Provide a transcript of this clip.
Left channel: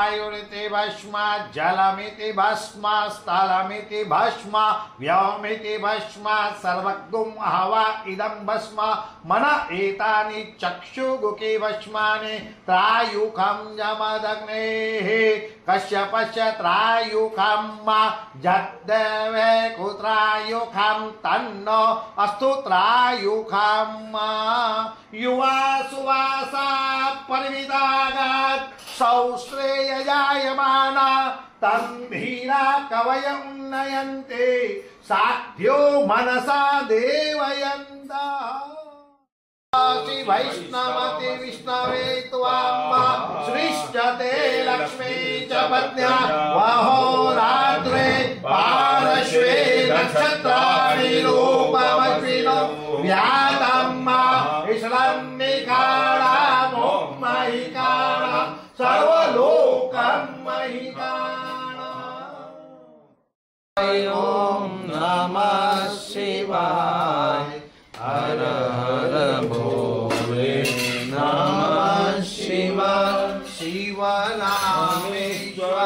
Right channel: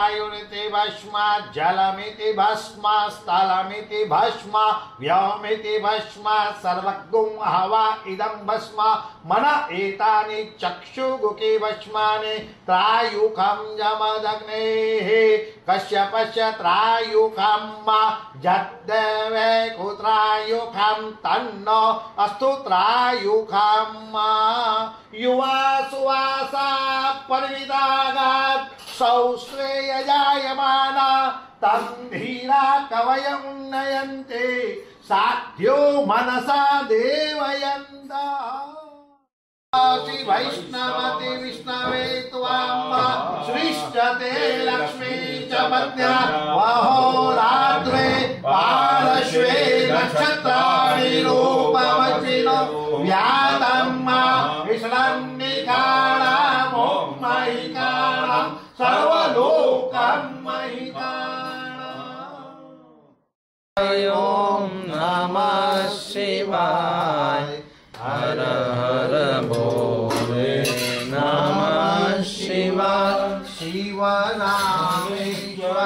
वायुरिति भस्म जलमिति भस्म स्थलमिति भस्म व्योमिति भस्म सर्वगुं हवा इदं भस्म मन एतानि चक्षुगुके भस्मानि त्रायुखं यमदग्नेः कश्यपस्य त्रायुखं जद्देवे कुत्रायुखं तन्नो अस्तु त्रायुखं युवा सुवासा परिविदागात् सौश्रेय जायमाना तं धीरा कवय उन्नयन्ते साध्यो मनसा देवयन्ता वैष्णवति विष्णवे त्वां सृष्टते लक्ष्मी च पत्न्या वहोरात्रे पार्श्वे नक्षत्राणि रूपमश्विनो व्यातम्मा ईश्वरन्निकाला मोह्मयिकाला सर्वलोकं महिकाला। ओम नमः शिवाय हर हर भोले नमः शिवाय शिव नामेश्वरा